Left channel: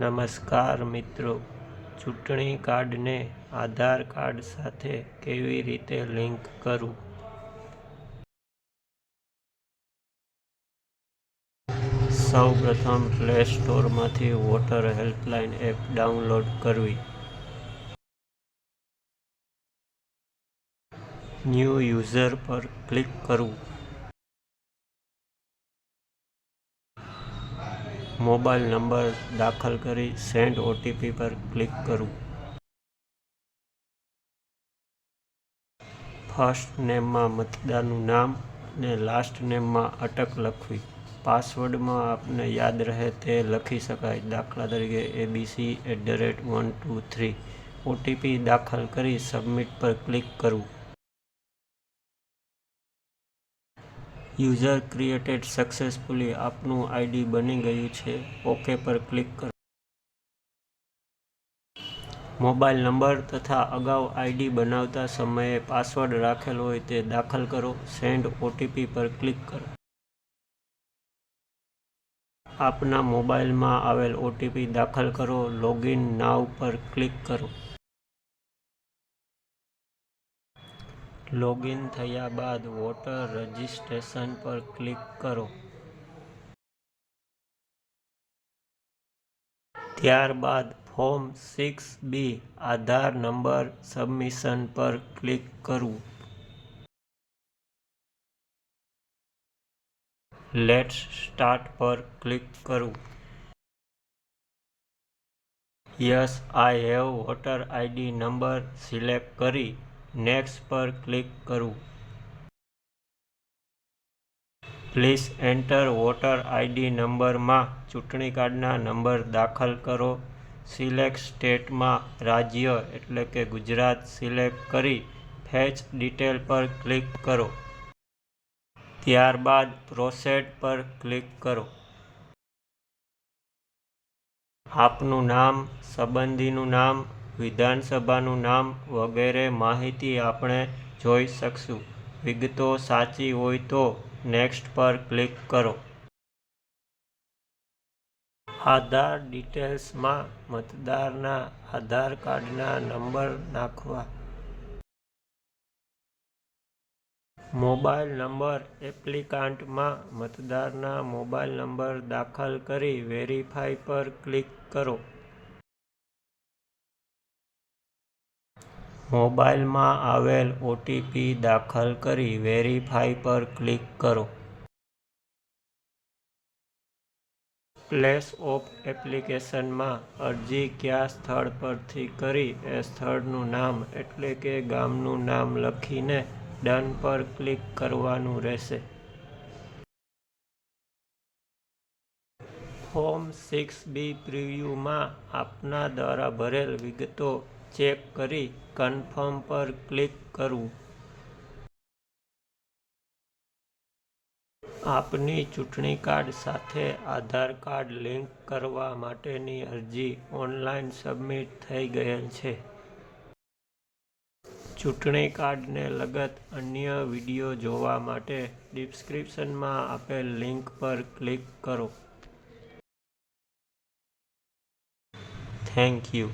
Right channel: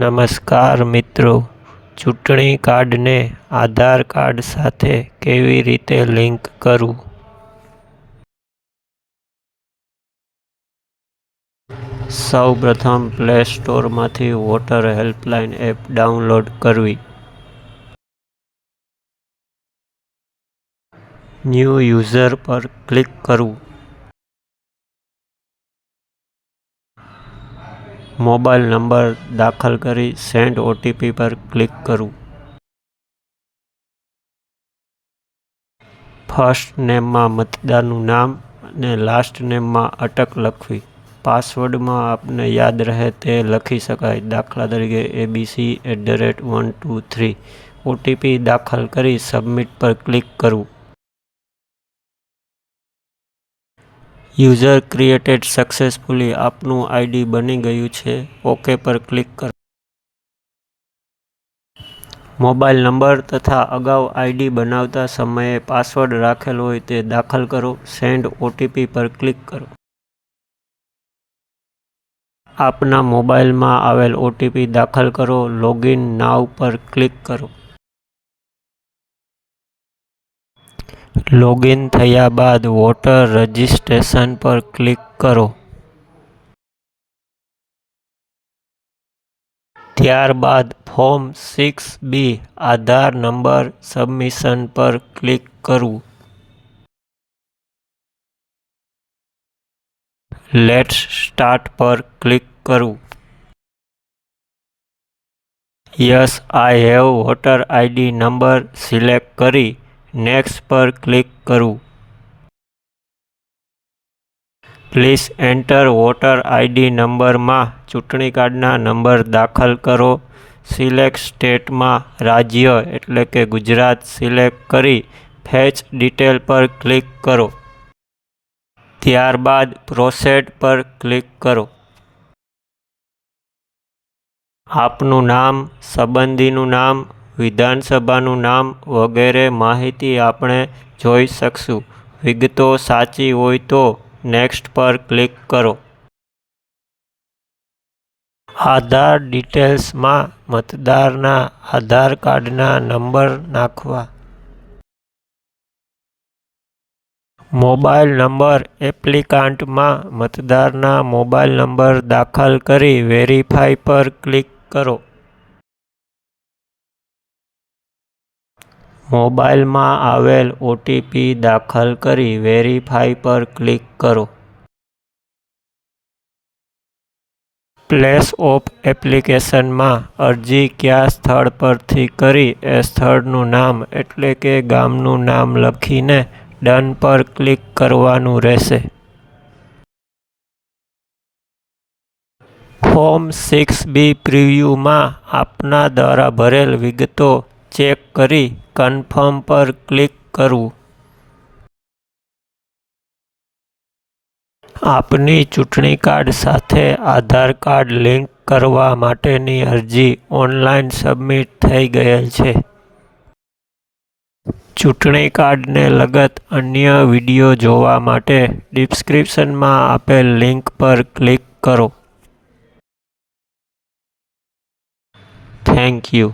નમસ્કાર મિત્રો, ચૂંટણી કાર્ડને આધાર કાર્ડ સાથે કેવી રીતે લિંક કરવું? સૌપ્રથમ પ્લે સ્ટોરમાંથી વોટર હેલ્પલાઇન એપ ડાઉનલોડ કરવી. ન્યૂ યુઝર પર ક્લિક કરવું. મોબાઈલ નંબર દાખલ કરી સેન્ડ ઓટીપી પર ક્લિક કરવું. ફર્સ્ટ નેમમાં મતદારનું નામ અને લાસ્ટ નેમમાં અટક લખવી. પાસવર્ડમાં આપને યાદ રહે તે લખી શકાય, દાખલા તરીકે abc@123. ઓટીપી દાખલ કરી સબમિટ પર ક્લિક કરવું. User created successfully. આપનું આઈડી બની ગયું છે. ઓકે પર ક્લિક કરો. મોબાઈલ નંબર તથા અગાઉ આઈડી બનાવતા સમયે પાસવર્ડ રાખેલ હોય તે દાખલ કરો. સેન્ડ ઓટીપી પર ક્લિક કરો. આપના મોબાઈલમાં આવેલ ઓટીપી દાખલ કરો. લોગિન નાઉ પર ક્લિક કરો. લોગિન થયા બાદ વોટર રજિસ્ટ્રેશન પર ક્લિક કરો. ત્યારબાદ ફોર્મ 6B આધાર નંબર સબમિશન પર ક્લિક કરવું. લેટ્સ સ્ટાર્ટ પર ક્લિક કરવું. Yes I have voter ID number select કરી નેક્સ્ટ પર ક્લિક કરવું. પ્લીઝ એન્ટર વોટર આઈડી નંબરમાં ચૂંટણી કાર્ડના નંબર દાખલ કરો. સિલેક્ટ સ્ટેટમાં રાજ્ય એટલે કે ગુજરાત સિલેક્ટ કરી ફેચ ડિટેલ પર ક્લિક કરો. ત્યારબાદ પ્રોસેડ પર ક્લિક કરો. આપનું નામ, સંબંધીનું નામ, વિધાનસભાનું નામ વગેરે માહિતી આપણે જોઈ શકશું. વિગતો સાચી હોય તો નેક્સ્ટ પર ક્લિક કરો. આધાર ડિટેલ્સમાં મતદારના આધાર કાર્ડના નંબર નાખવા. મોબાઈલ નંબર એપ્લિકાન્ટમાં મતદારના મોબાઈલ નંબર દાખલ કરી વેરીફાઈ પર ક્લિક કરો. મોબાઈલમાં આવેલ ઓટીપી દાખલ કરી વેરીફાઈ પર ક્લિક કરો. પ્લેસ ઓફ એપ્લિકેશનમાં અરજી કયા સ્થળ પરથી કરી એ સ્થળનું નામ એટલે કે ગામનું નામ લખીને ડન પર ક્લિક કરવાનું રહેશે. ફોર્મ 6B પ્રિવ્યુમાં આપના દ્વારા ભરેલ વિગતો ચેક કરી કન્ફર્મ પર ક્લિક કરવું. આપની ચૂંટણી કાર્ડ સાથે આધાર કાર્ડ લિંક કરવા માટેની અરજી ઓનલાઈન સબમિટ થઈ ગયેલ છે. ચૂંટણી કાર્ડને લગત અન્ય વિડીયો જોવા માટે ડિસ્ક્રિપ્શનમાં આપેલ લિંક પર ક્લિક કરો. Thank you.